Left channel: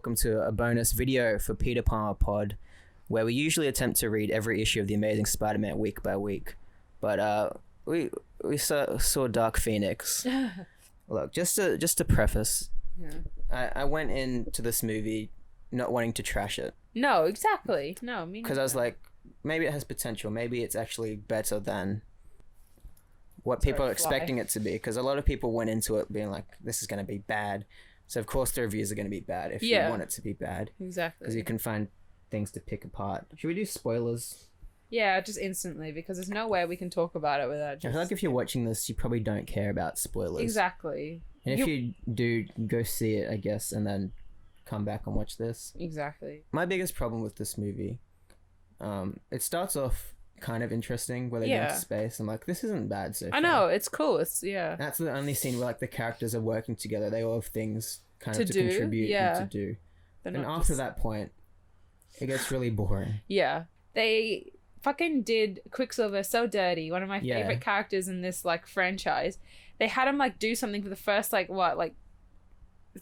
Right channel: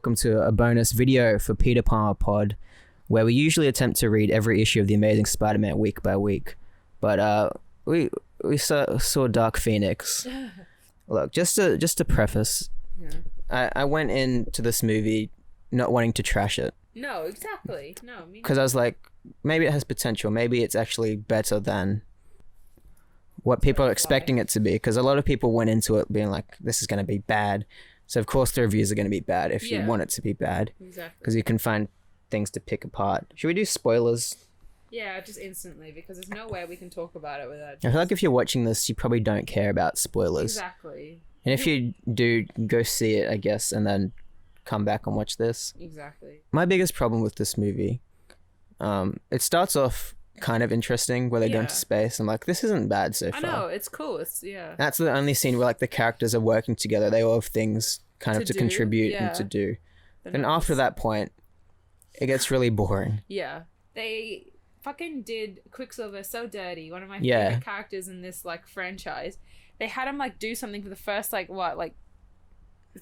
welcome to a bonus video for Peter Palmer Pod, where we usually attempt to read every issue of The Amazing Spider-Man week by week. But we saw Dark Phoenix. Look, just to preface, I went into this movie not wanting to trash it. No, exactly. No, me because I was like, maybe it has potential. Maybe it's actually better than what people are expecting it to be. Because a lot of people went into it being like, this is going to be bad. So of course the reviews are going to be bad if you want it to be bad. Exactly. Because you can find things to pick apart. Should we do spoilers? Yeah, just instantly, because there's no way we can talk about it without I feel like if you're watching this, you probably don't care about spoilers. Exactly. And if you do, go see it, I guess, and then come back and watch this. Exactly. My biggest problem with this movie, it starts off kind of interesting where they go into space. I'm like, this isn't bad so far. I know, it's cool. It's That's the only scene where like the characters are working together. They all have things kind of to contribute and to do. And after that point, it gets really boring. Yeah. They fucking did Quicksilver so dirty. One of my favorite characters in this like franchise. They had him like do something for the first like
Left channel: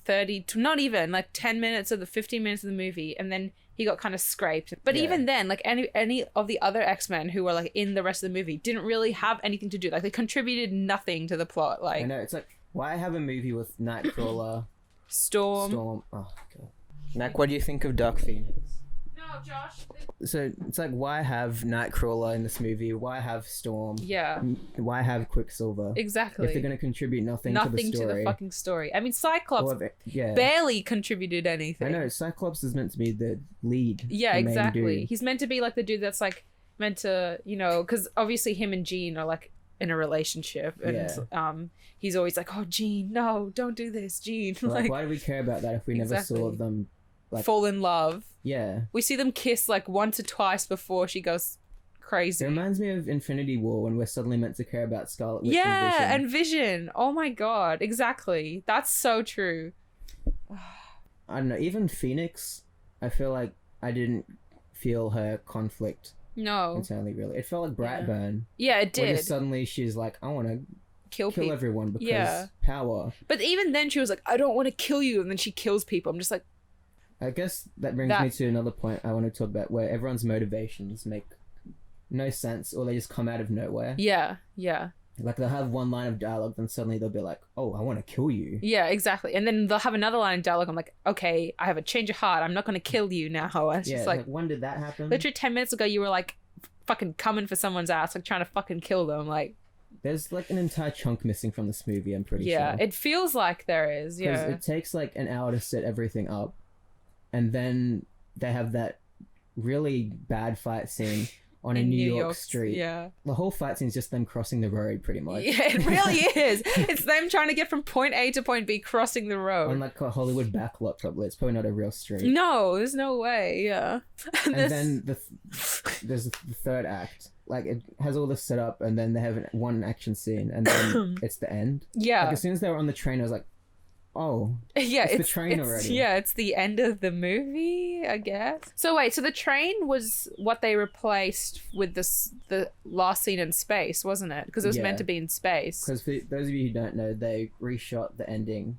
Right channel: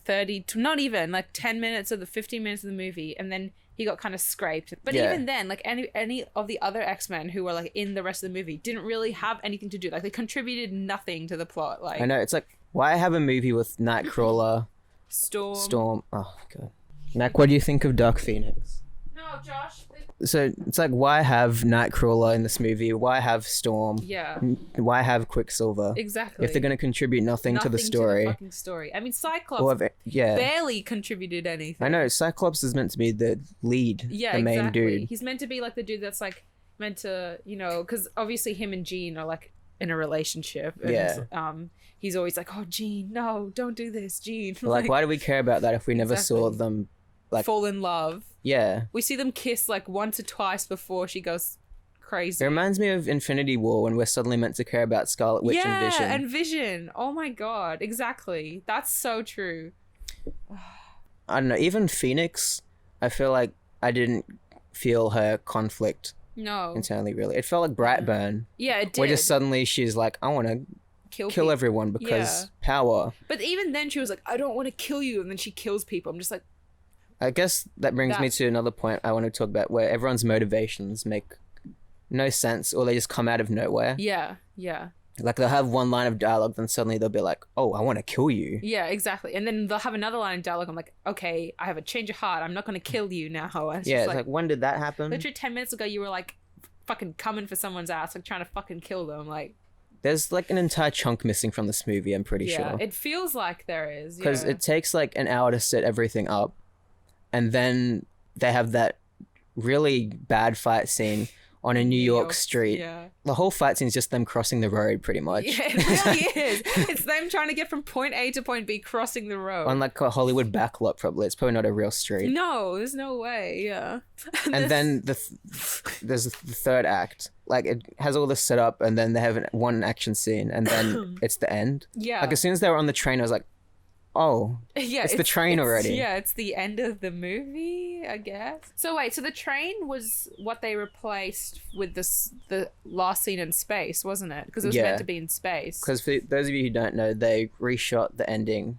30 to not even like 10 minutes of the 15 minutes of the movie, and then he got kind of scraped. But even then, like any of the other X-Men who were like in the rest of the movie didn't really have anything to do. Like they contributed nothing to the plot. Like I know, it's like, why have a movie with Nightcrawler, Storm? Oh god. Mac, what do you think of Dark Phoenix? No, Josh. So it's like, why have Nightcrawler in this movie? Why have Storm? Yeah. Why have Quicksilver? Exactly. If they're going to contribute nothing to the story. Nothing to the fucking story. I mean, Cyclops barely contributed anything. I know, Cyclops is meant to be the lead. Yeah, the main dude. He's meant to be like the dude that's like meant to, you know, because obviously him and Jean are like in a relationship. And he's always like, oh, Jean, no, don't do this, Jean. Like, why do we care about that if we never saw them like fall in love? Yeah. We see them kiss like once or twice before she goes crazy. It reminds me of Infinity War when we're suddenly meant to care about Scarlet Witch and Vision. Yeah, and Vision. Oh my god, exactly. That's so true. I don't know, even Phoenix, I feel like I didn't feel her conflict internally, really. It felt like Brightburn. Yeah, it did. Where just suddenly she's like, I want to kill everyone because power. But even then she was like, I don't want to kill you, and then she kills people. I'm just like, I guess that brings me to another point I want to talk about, where everyone's motivations make no sense, or they just come out of nowhere. Yeah. Like they'll have one line of dialogue, then suddenly they'll be like, oh, I want to kill you. Yeah, exactly. And then they'll have another line of dialogue. I'm like, okay, I have a change of heart. I'm not going to kill you now. And it's just like, when did that happen? Literally 10 minutes ago, you were like fucking coming for someone's ass, like trying to fucking kill them. Like, there's like an entire chunk missing from this movie, I'm pretty sure. Yeah, it feels like there is. Because it takes like an hour to set everything up. And then they have that really bad fight scene on a New York street. Yeah. The whole fight scene is just them crossing the road, pretty much. Yeah, it really is. It's them trying to get from point A to point B, crossing the road. On like a Hollywood backlot, probably. It's probably not a real street. No, there's no way, yeah. And then there's the third act. Like, it has all this set up, and then they have one action scene, and then it's the end. Yeah. Like, as soon as they were on the train, I was like, oh, yeah, it's the train already. Yeah, it's the end of the movie, I guess. So wait, so the train was what they replaced with the last scene in space, wasn't it? Because it was meant to be in space. Because for those of you who don't know, they reshot the ending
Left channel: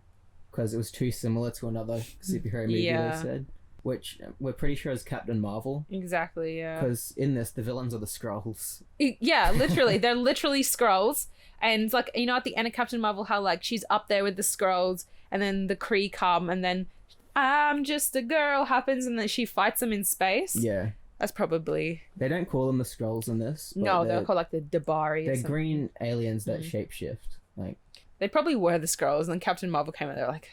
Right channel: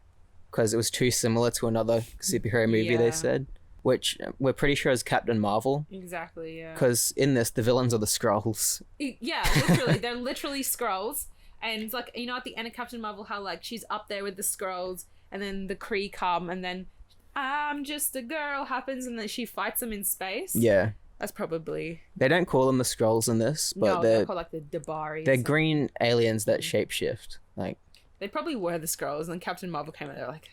because it was too similar to another superhero movie, they said. Which we're pretty sure is Captain Marvel. Exactly, yeah. Because in this, the villains are the Skrulls. Yeah, literally. They're literally Skrulls. And like, you know, at the end of Captain Marvel, how like she's up there with the Skrulls, and then the Kree come, and then I'm just a girl happens, and then she fights them in space. Yeah. That's probably... They don't call them the Skrulls in this. But no, they're called like the Dabari. They're green aliens that shapeshift. Like, they probably were the Skrulls, and then Captain Marvel came out, they're like...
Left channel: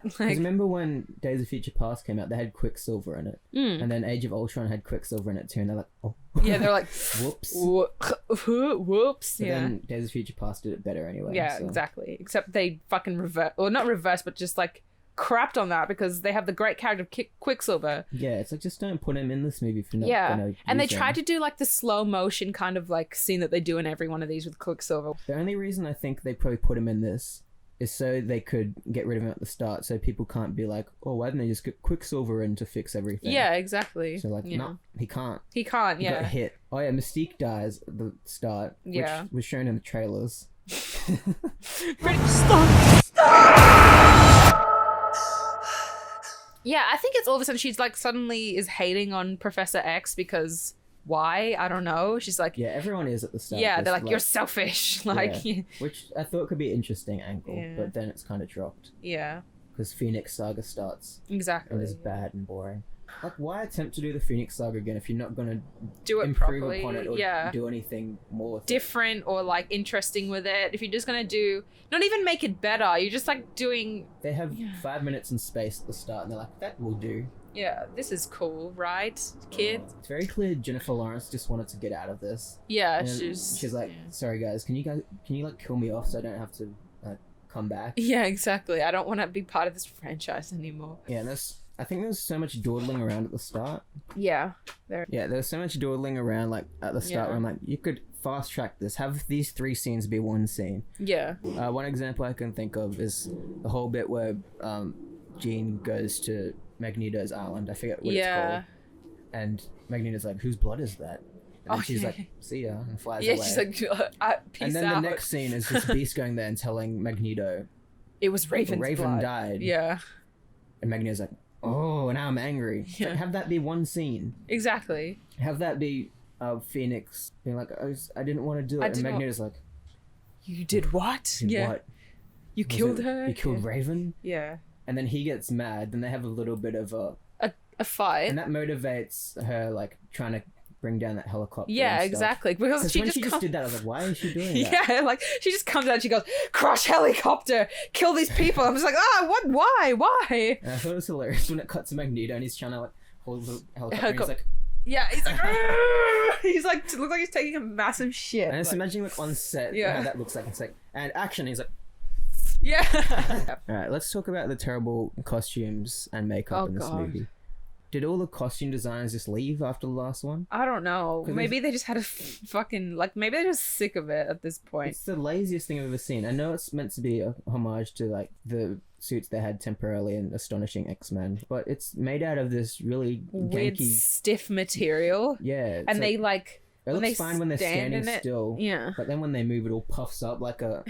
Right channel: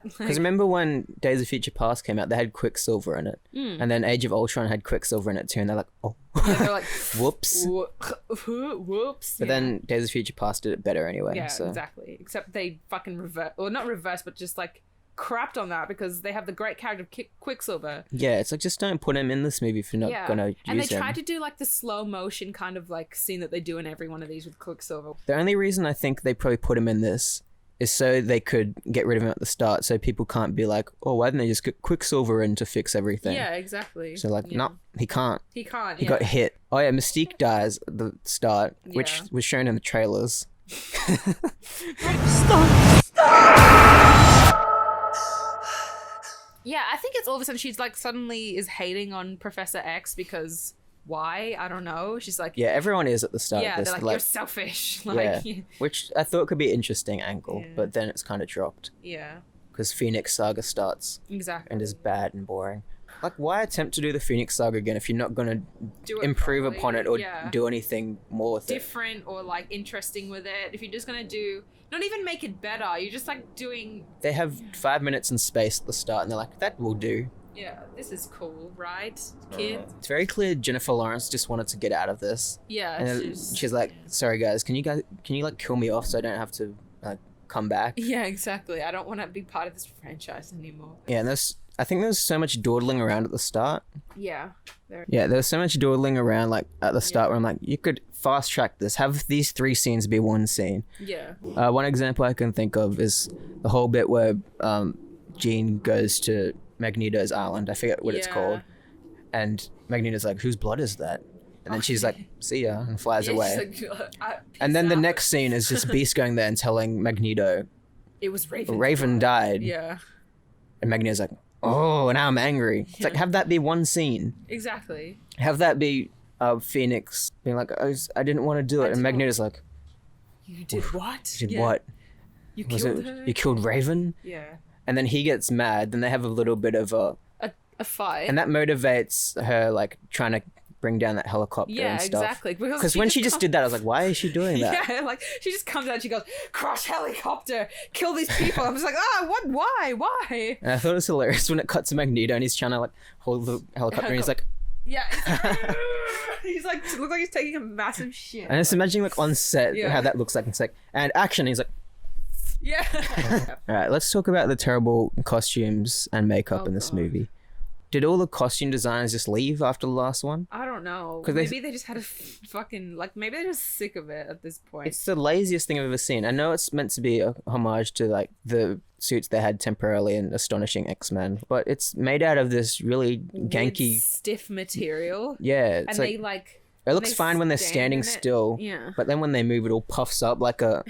Because remember when Days of Future Past came out, they had Quicksilver in it. And then Age of Ultron had Quicksilver in it too, and they're like, oh. Yeah, they're like, whoops. Whoops. But then Days of Future Past did it better anyway. Yeah, so. Exactly. Except they fucking not reverse, but just like crapped on that because they have the great character of Quicksilver. Yeah, it's like, just don't put him in this movie if you're not gonna use and they him. tried to do like the slow motion kind of like scene that they do in every one of these with Quicksilver. The only reason I think they probably put him in this is so they could get rid of him at the start, so people can't be like, oh, why didn't they just get Quicksilver in to fix everything? Yeah, exactly. So like, no, he can't. He can't, He got hit. Oh yeah, Mystique dies at the start, which was shown in the trailers. Yeah, Yeah, I think it's all of a sudden she's like suddenly is hating on Professor X because why? I don't know. She's like, yeah, everyone is at the start. Yeah, they're like, you're selfish. Like, yeah. Which I thought could be an interesting angle, Yeah. but then it's kind of dropped. Yeah. Because Phoenix Saga starts Exactly. and is bad and boring. Like, why attempt to do the Phoenix Saga again if you're not going to do it improve properly, upon it or do anything more with different or like interesting with it? If you're just going to do, not even make it better, you're just like doing. They have 5 minutes in space at the start and they're like, that will do. Yeah, this is cool, right, kid? It's very clear Jennifer Lawrence just wanted to get out of this. Yeah, and she's like, sorry guys, can you like kill me off so I don't have to like come back? Yeah, exactly. I don't want to be part of this franchise anymore. Yeah, and I think there's so much dawdling around at the start. Yeah. There was so much dawdling around like at the start where I'm like, you could fast track this, have these 3 scenes be one scene. Yeah. One example I can think of is the whole bit where Jean goes to Magneto's island. I forget what it's called. And Magneto's like, whose blood is that? And then she's like, see ya, and flies away. She's like, and then the next scene is just Beast going there and telling Magneto, it was Raven's Raven blood. died. Yeah. And Magneto's like, oh, now I'm angry. It's like, have that be one scene. Exactly. Have that be Phoenix being like, I didn't want to do it. And Magneto's like, you did what? Did what? You killed her? You killed Raven? Yeah. And then he gets mad. Then they have a little bit of a fight. And that motivates her, like, trying to bring down that helicopter. Yeah, exactly. Because when she just did that, I was like, why is she doing that? Yeah, like, she just comes out and she goes, crush helicopter, kill these people. I'm just like, what? Why? And I thought it was hilarious when it cuts to Magneto and he's trying to, like, hold the helicopter and he's like... Yeah, he's like, looks like he's taking a massive shit. And just imagining, like, on set how that looks like. It's like, and action, he's like... Yeah. All right, let's talk about the terrible costumes and makeup in this movie. Did all the costume designers just leave after the last one? I don't know. Maybe they just had a fucking, like, maybe they're just sick of it at this point. It's the laziest thing I've ever seen. I know it's meant to be a homage to, like, the suits they had temporarily in Astonishing X-Men, but it's made out of this really ganky... Weird, stiff material. Yeah. And they, like... It looks fine when they're standing still. Yeah. But then when they move, it all puffs up like a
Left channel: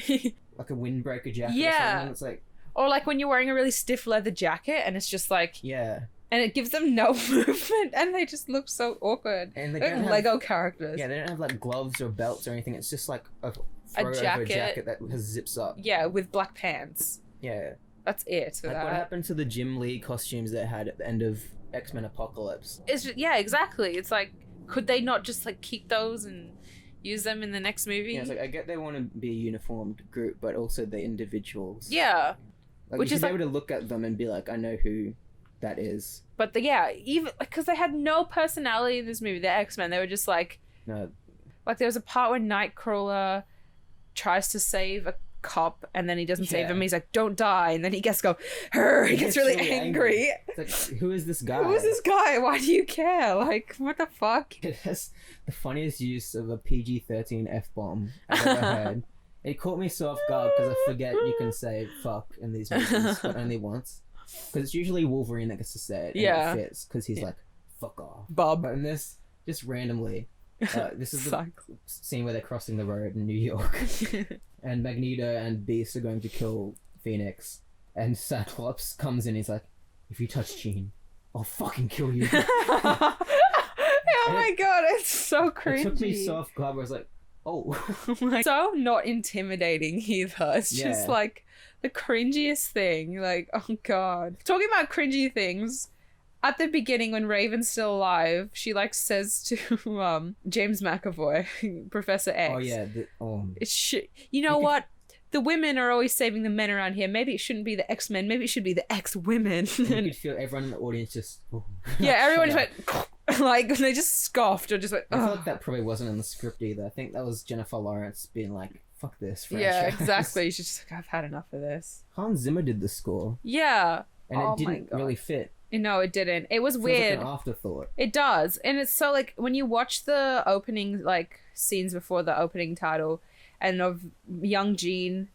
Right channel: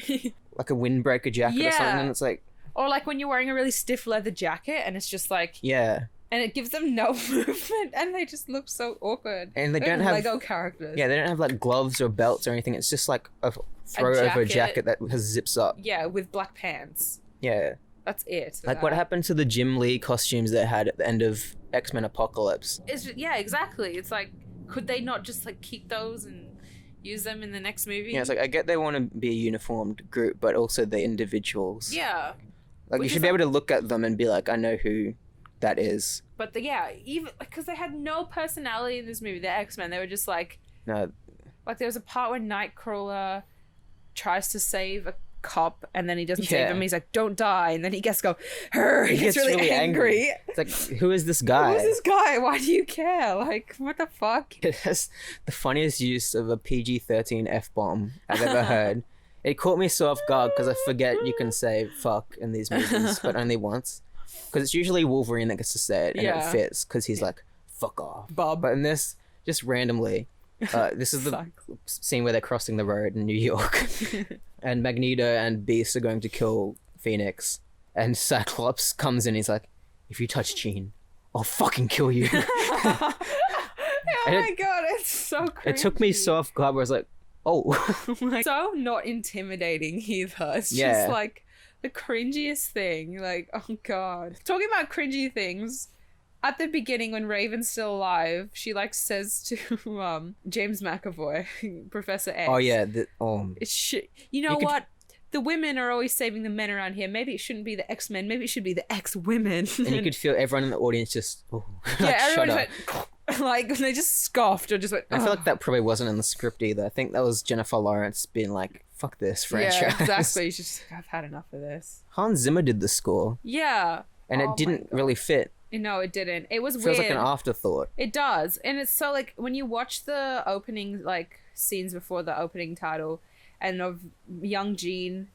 like a windbreaker jacket or something. And it's like... Or like when you're wearing a really stiff leather jacket and it's just like... Yeah. And it gives them no movement and they just look so awkward. And they don't have... Lego characters. Yeah, they don't have like gloves or belts or anything. It's just like a throw-over jacket that has zips up. Yeah, with black pants. Yeah. That's it. Like what happened to the Jim Lee costumes they had at the end of X-Men Apocalypse? Yeah, exactly. It's like... Could they not just, like, keep those and use them in the next movie? Yeah, it's like, I get they want to be a uniformed group, but also the individuals. Yeah. Like, you should be able to look at them and be like, I know who that is. But, even, because they had no personality in this movie, the X-Men. They were just, like... No. Like, there was a part where Nightcrawler tries to save a cop and then he doesn't save him. He's like, don't die. And then he gets he gets really angry. It's like, who is this guy? Why do you care? Like, what the fuck? It's the funniest use of a PG-13 F-bomb I've ever heard. It caught me so off guard because I forget you can say fuck in these movies, but only once. Because it's usually Wolverine that gets to say it and it fits because he's like, fuck off. Bob. But in this, just randomly, this is the scene where they're crossing the road in New York. And Magneto and Beast are going to kill Phoenix. And Cyclops comes in and he's like, if you touch Jean, I'll fucking kill you. Oh my god, it's so cringy. It took me so off guard where I was like, oh. So not intimidating either. It's just like the cringiest thing. Like, oh god. Talking about cringy things, at the beginning when Raven's still alive, she like says to James McAvoy, Professor X. Oh yeah. You know what? The women are always saving the men around here. Maybe it shouldn't be the X-Men. Maybe it should be the X-women. And you could feel everyone in the audience just... everyone just went... Like, they just scoffed or just went... I feel like that probably wasn't in the script either. I think that was Jennifer Lawrence being like, fuck this franchise. Yeah, exactly. She's just like, I've had enough of this. Hans Zimmer did the score. Yeah. And it didn't really fit. No, it didn't. It was weird. It feels like an afterthought. It does. And it's so, like, when you watch the opening, like, scenes before the opening title and of young Jean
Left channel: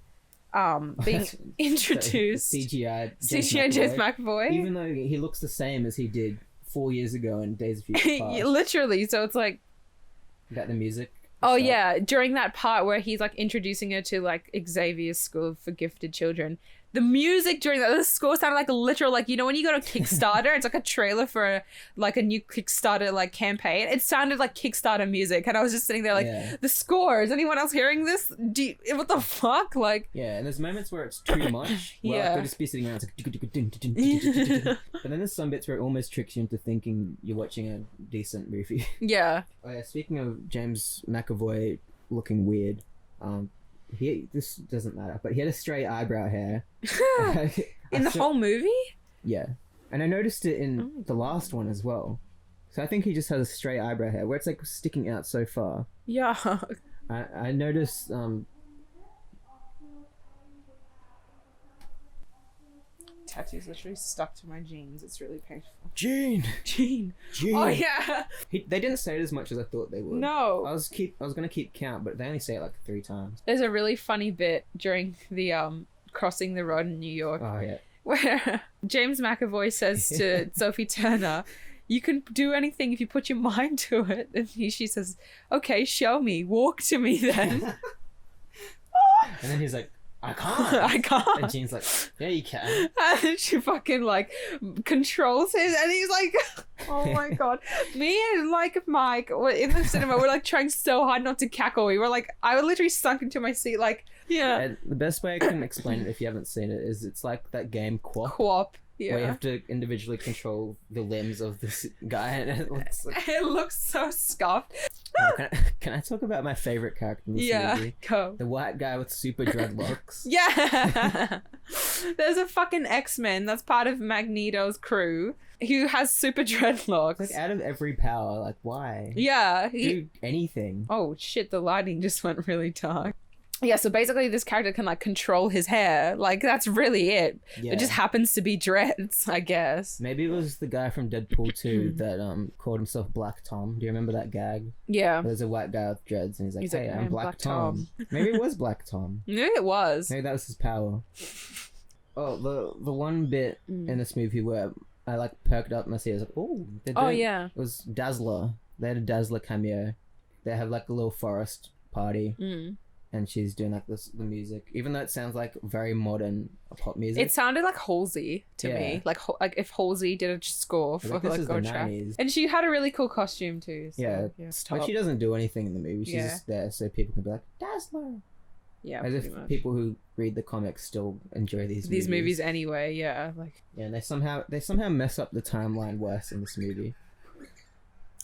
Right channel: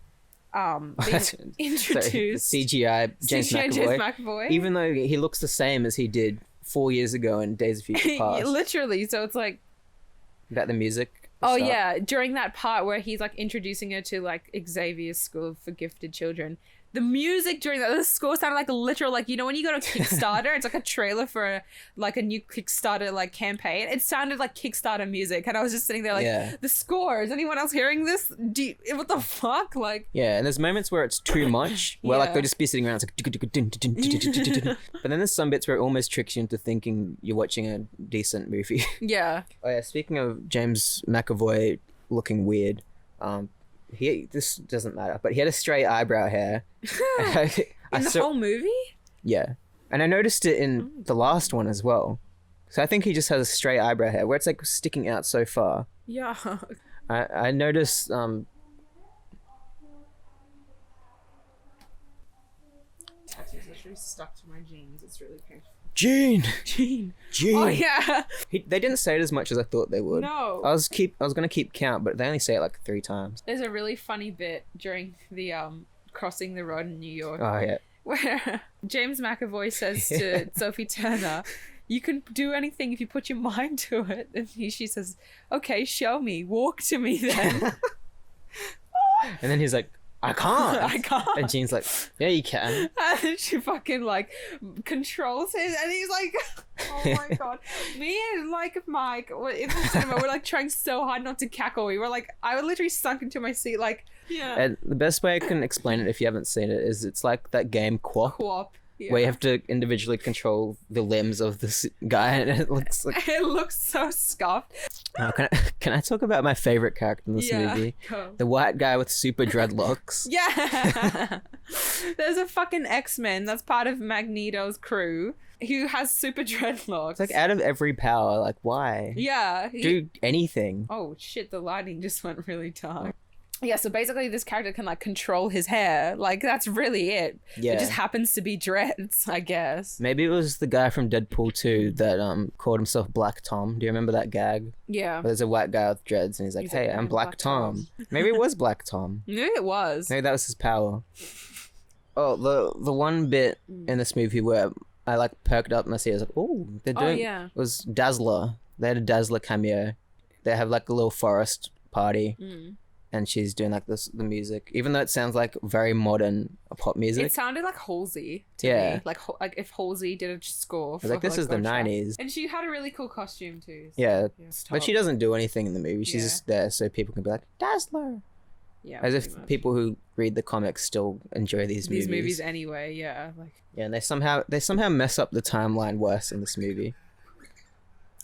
being introduced. CGI James McAvoy. Even though he looks the same as he did 4 years ago in Days of Future Past. Literally. So it's like... About the music? Oh, yeah. During that part where he's, like, introducing her to, like, Xavier's School for Gifted Children, The music during the score sounded like a literal, like, you know, when you go to Kickstarter, it's like a trailer for a new Kickstarter like campaign. It sounded like Kickstarter music, and I was just sitting there like, the score. Is anyone else hearing this? What the fuck? Like, yeah, and there's moments where it's too much, where like they'll just be sitting around, it's like, but then there's some bits where it almost tricks you into thinking you're watching a decent movie. Yeah. Oh yeah, speaking of James McAvoy looking weird, this doesn't matter, but he had a straight eyebrow hair. In the whole movie? Yeah. And I noticed it in the last one as well. So I think he just has a straight eyebrow hair where it's like sticking out so far. Yeah. I noticed tattoo's literally stuck to my jeans. It's really painful. Gene. Oh yeah. They didn't say it as much as I thought they would. No. I was gonna keep count, but they only say it like 3 times. There's a really funny bit during the crossing the road in New York. Oh yeah. Where James McAvoy says to Sophie Turner, "You can do anything if you put your mind to it." And she says, "Okay, show me. Walk to me then." And then he's like, I can't. And Jean's like, yeah, you can. And then she fucking like controls him, and he's like, oh my god. Me and like Mike in the cinema, we're like trying so hard not to cackle. We were like, I literally sunk into my seat, like, yeah. And the best way I can explain it if you haven't seen it is it's like that game Quap. Yeah. Where you have to individually control the limbs of this guy, and it looks like... It looks so scuffed. Can I talk about my favorite character in this movie? Go. The white guy with super dreadlocks. Yeah. There's a fucking X-Men that's part of Magneto's crew who has super dreadlocks. It's like out of every power, like why? Yeah. Do anything. Oh shit, the lighting just went really dark. Yeah, so basically this character can like control his hair. Like that's really it. Yeah. It just happens to be dreads, I guess. Maybe it was the guy from Deadpool 2 that called himself Black Tom. Do you remember that gag? Yeah. Where there's a white guy with dreads and he's like, hey, I'm Black Tom. Maybe it was Black Tom. Maybe it was. Maybe that was his power. Oh, the one bit in this movie where I like perked up my seat, I was like, oh, they're doing... yeah. It was Dazzler. They had a Dazzler cameo. They have like a little forest party. And she's doing like the music, even though it sounds like very modern pop music. It sounded like Halsey to me, like if Halsey did a score for like this is the 90s, and she had a really cool costume too. So, yeah, but she doesn't do anything in the movie. She's just there so people can be like Dazzler. Yeah, as if people who read the comics still enjoy these movies anyway. Yeah, like and they somehow mess up the timeline worse in this movie.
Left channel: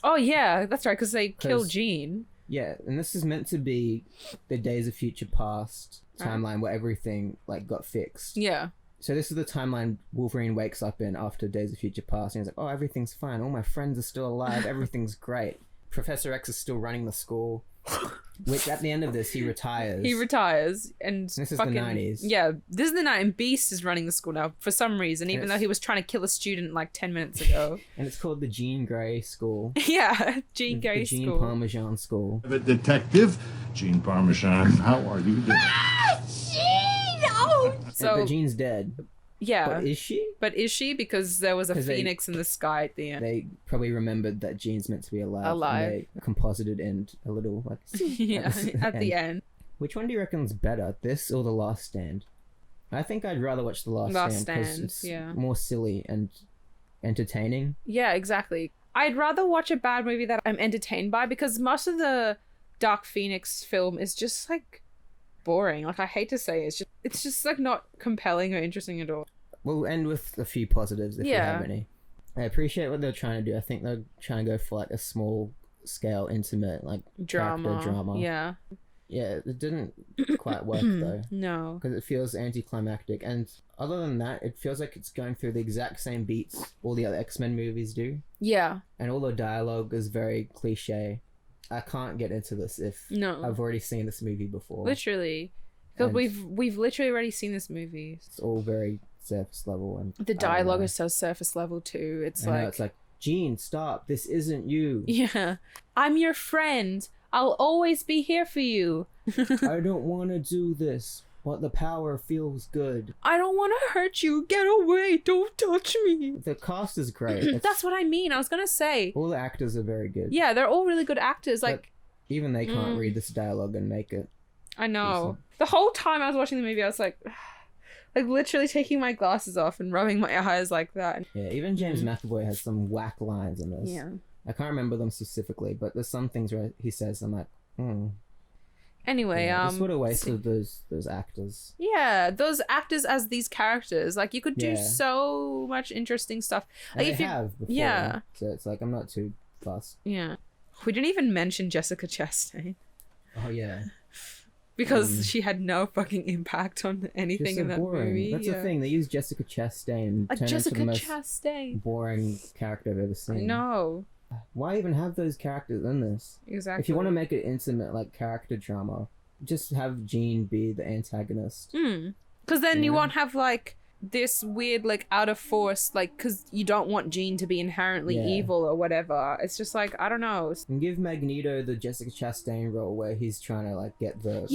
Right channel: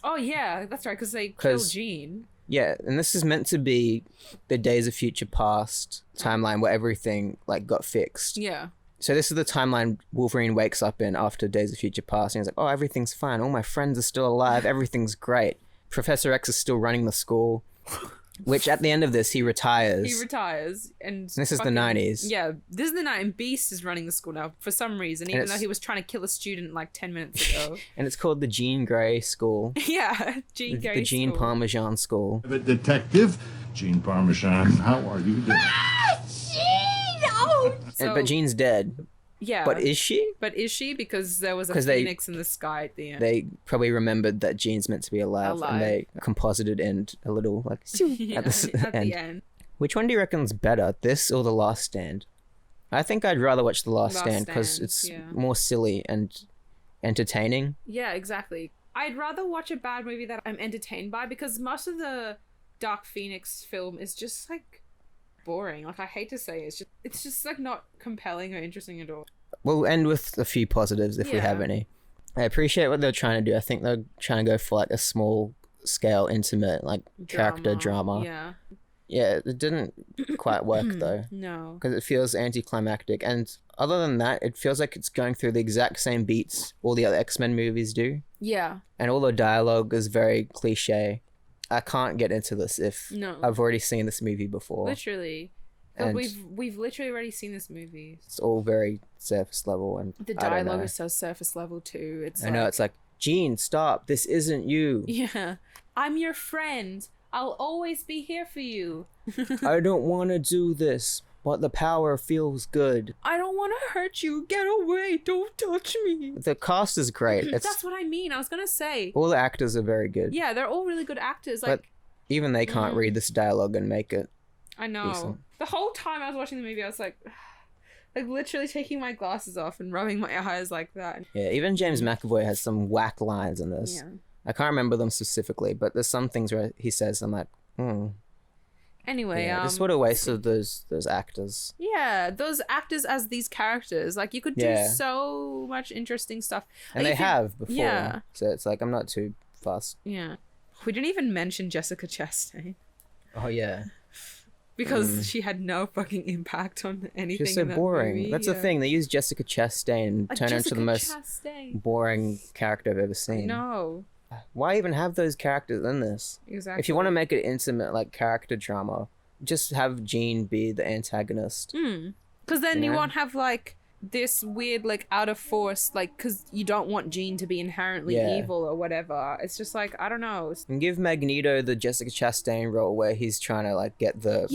Oh yeah, that's right, because they kill Jean. Yeah, and this is meant to be the Days of Future Past timeline where everything like got fixed. Yeah. So this is the timeline Wolverine wakes up in after Days of Future Past, and he's like, "Oh, everything's fine. All my friends are still alive. Everything's great. Professor X is still running the school." Which at the end of this, he retires. And this is the 90s. Yeah, this is the 90s. And Beast is running the school now for some reason, even though he was trying to kill a student like 10 minutes ago. And it's called the Jean Grey School. Yeah, Jean Grey The Jean Parmesan School. The detective, Jean Parmesan. How are you doing? Jean! Oh! But Jean's dead. Yeah. But is she? Because there was a phoenix in the sky at the end. They probably remembered that Jean's meant to be alive. And they composited in a little like at the end. Which one do you reckon's better, this or The Last Stand? I think I'd rather watch The Last Stand because it's more silly and entertaining. Yeah, exactly. I'd rather watch a bad movie that I'm entertained by, because most of the Dark Phoenix film is just like boring. Like, I hate to say it, it's just like not compelling or interesting at all. We'll end with a few positives if we have any. I appreciate what they're trying to do. I think they're trying to go for like a small scale, intimate, like character drama. Yeah. Yeah, it didn't quite work though. No. Because it feels anticlimactic. And other than that, it feels like it's going through the exact same beats all the other X-Men movies do. Yeah. And all the dialogue is very cliche. I can't get into this if I've already seen this movie before. Literally. Because we've literally already seen this movie. It's all very surface level. And the dialogue is so surface level too. I know, it's like, Jean, stop. This isn't you. Yeah. I'm your friend. I'll always be here for you. I don't want to do this, but the power feels good. I don't want to hurt you. Get away. Don't touch me. The cast is great. That's what I mean. I was going to say. All the actors are very good. Yeah, they're all really good actors. Like, but even they can't read this dialogue and make it I know. decent. The whole time I was watching the movie, I was like, Like literally taking my glasses off and rubbing my eyes like that. Yeah, even James McAvoy has some whack lines in this. Yeah. I can't remember them specifically, but there's some things where he says, I'm like, Anyway, just what a waste of those actors. Yeah, those actors as these characters. Like you could do so much interesting stuff. And like, they have before. Yeah. So it's like, I'm not too fussed. Yeah. We didn't even mention Jessica Chastain. Oh, yeah. Because she had no fucking impact on anything She's so in that boring. movie. That's the thing. They use Jessica Chastain and turn her into the most boring character I've ever seen. No. Why even have those characters in this? Exactly. If you want to make it intimate, like character drama, just have Jean be the antagonist. Because then you won't have like this weird like out of force, like, because you don't want Jean to be inherently evil or whatever. It's just like, I don't know. And give Magneto the Jessica Chastain role where he's trying to like get the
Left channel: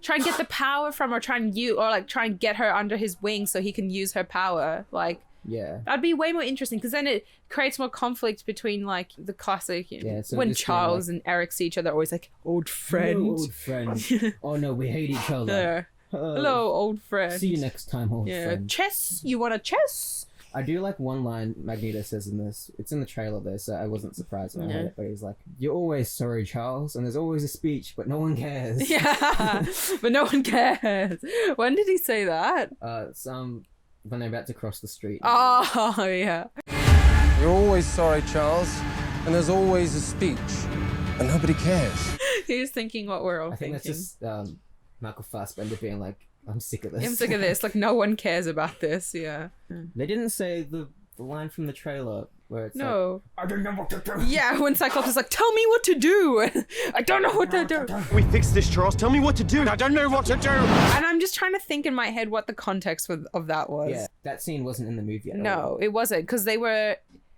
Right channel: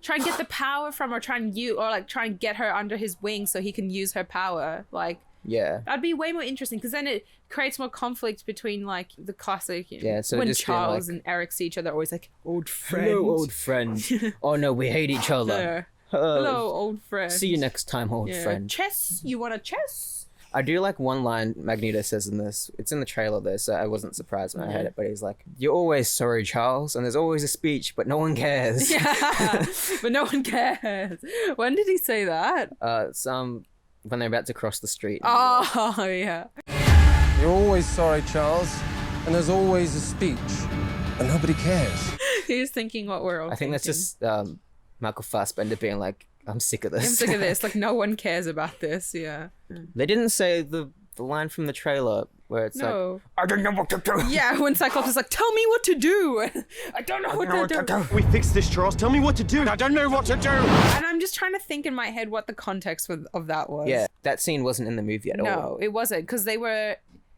try and get the power from her, try and get her under his wing so he can use her power. Like, that'd be way more interesting, because then it creates more conflict between like the classic so when Charles and Eric see each other, always like, old friend. Hello, old friend. Oh no, we hate each other. Hello, old friend. See you next time, old friend. Chess? You want a chess? I do like one line Magneto says in this. It's in the trailer though, so I wasn't surprised when I heard it. But he's like, "You're always sorry, Charles, and there's always a speech, but no one cares." Yeah, but no one cares. When did he say that? When they're about to cross the street. Oh yeah. You're always sorry, Charles, and there's always a speech, but nobody cares. He's thinking what we're all thinking. I think that's just Michael Fassbender being like, I'm sick of this. I'm sick of this. Like, no one cares about this. Yeah. They didn't say the line from the trailer where it's like, I don't know what to do. Yeah, when Cyclops is like, tell me what to do. I don't know what to do. We fixed this, Charles. Tell me what to do. I don't know what to do. And I'm just trying to think in my head what the context of that was. Yeah, that scene wasn't in the movie at all. No, it wasn't, because they were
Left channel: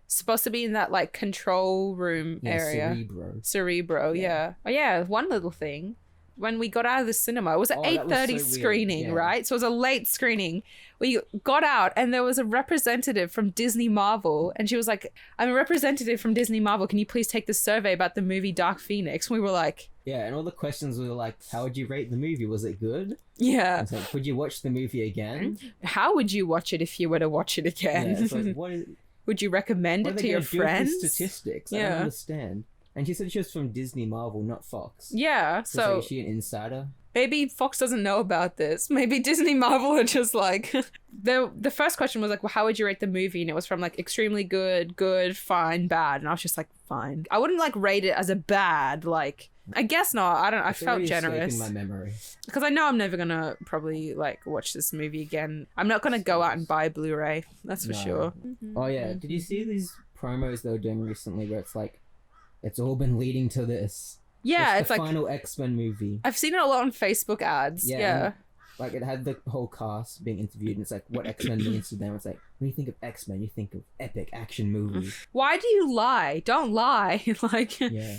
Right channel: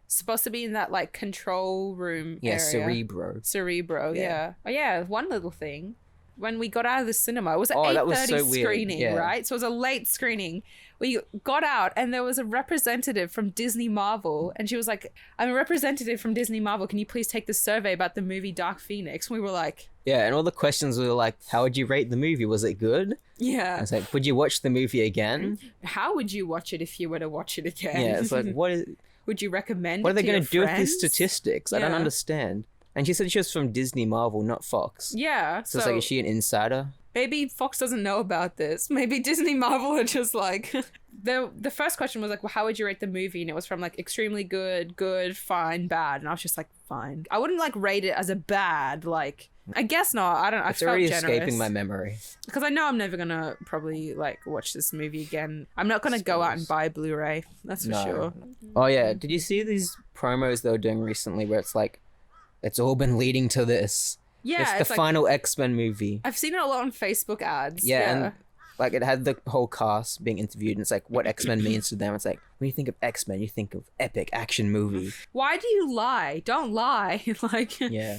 supposed to be in that like control room area. Cerebro, yeah. Oh yeah, one little thing. When we got out of the cinema, it was an 8:30 screening, right? So it was a late screening. We got out and there was a representative from Disney Marvel, and she was like, I'm a representative from Disney Marvel. Can you please take the survey about the movie Dark Phoenix? And we were like... Yeah, and all the questions were like, how would you rate the movie? Was it good? Yeah. It's like, would you watch the movie again? How would you watch it if you were to watch it again? Yeah, it's like, what is... Would you recommend it to your friends? What are they going to do with the statistics? I don't understand. And she said she was from Disney Marvel, not Fox. Yeah, so it's like, is she an insider? Maybe Fox doesn't know about this. Maybe Disney Marvel are just like... The first question was like, well, how would you rate the movie? And it was from like extremely good, fine, bad. And I was just like, fine. I wouldn't like rate it as a bad, like... I guess not. I don't. I felt generous. It's escaping my memory. Because I know I'm never gonna probably like watch this movie again. I'm not gonna go out and buy a Blu-ray. That's for sure. Oh yeah. Did you see these promos they were doing recently where it's like, it's all been leading to this. Yeah, it's the final X-Men movie. I've seen it a lot on Facebook ads. Yeah. Like it had the whole cast being interviewed, and it's like what X-Men means to them. It's like when you think of X-Men, you think of epic action movie. Why do you lie? Don't lie. Like. Yeah.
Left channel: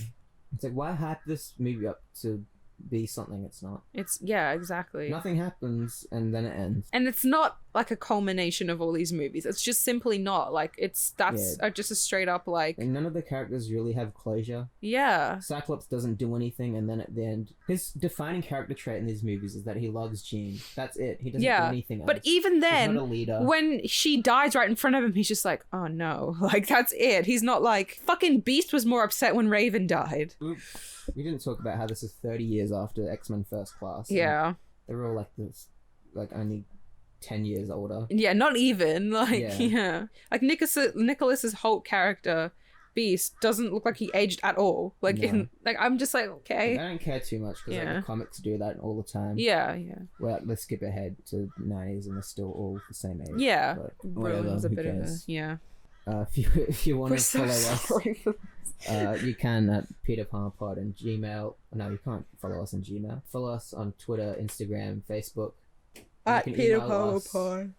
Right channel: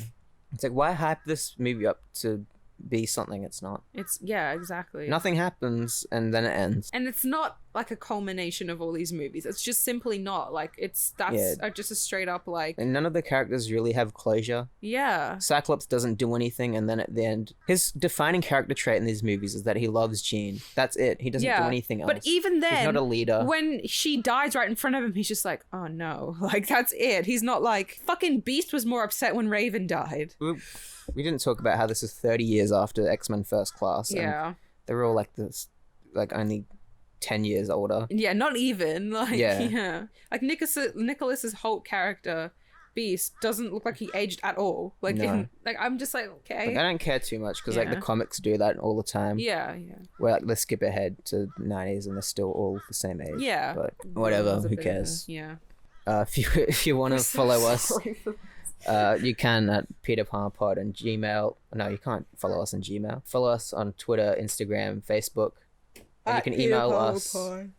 It's like, why hype this movie up to be something it's not? Exactly. Nothing happens and then it ends. And it's not like a culmination of all these movies. It's just simply not. Like, that's just a straight up like... And none of the characters really have closure. Yeah. Cyclops doesn't do anything, and then at the end, his defining character trait in these movies is that he loves Jean. That's it. He doesn't do anything else. But even then, he's not a leader. When she dies right in front of him, he's just like, oh no. Like, that's it. He's not like... Fucking Beast was more upset when Raven died. We didn't talk about how this is 30 years after X-Men First Class. Yeah. They're all like this, like only 10 years older. Yeah, not even. Like, yeah. Like Nicholas's Holt character, Beast, doesn't look like he aged at all. Like, I'm just like, okay. Like, I don't care too much because like the comics do that all the time. Yeah. Where like, let's skip ahead to 90s and they're still all the same age. Yeah. But whatever, who cares? If you want to follow us... you can at peterpalmerpod and Gmail. No, you can't follow us on Gmail. Follow us on Twitter, Instagram, Facebook. At you can email us peterpalmerpod.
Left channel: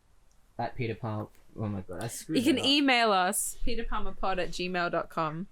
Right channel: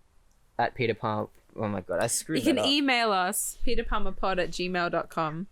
At peterpalmer. Oh my god, I screwed You can that up. email us, peterpalmerpod@gmail.com.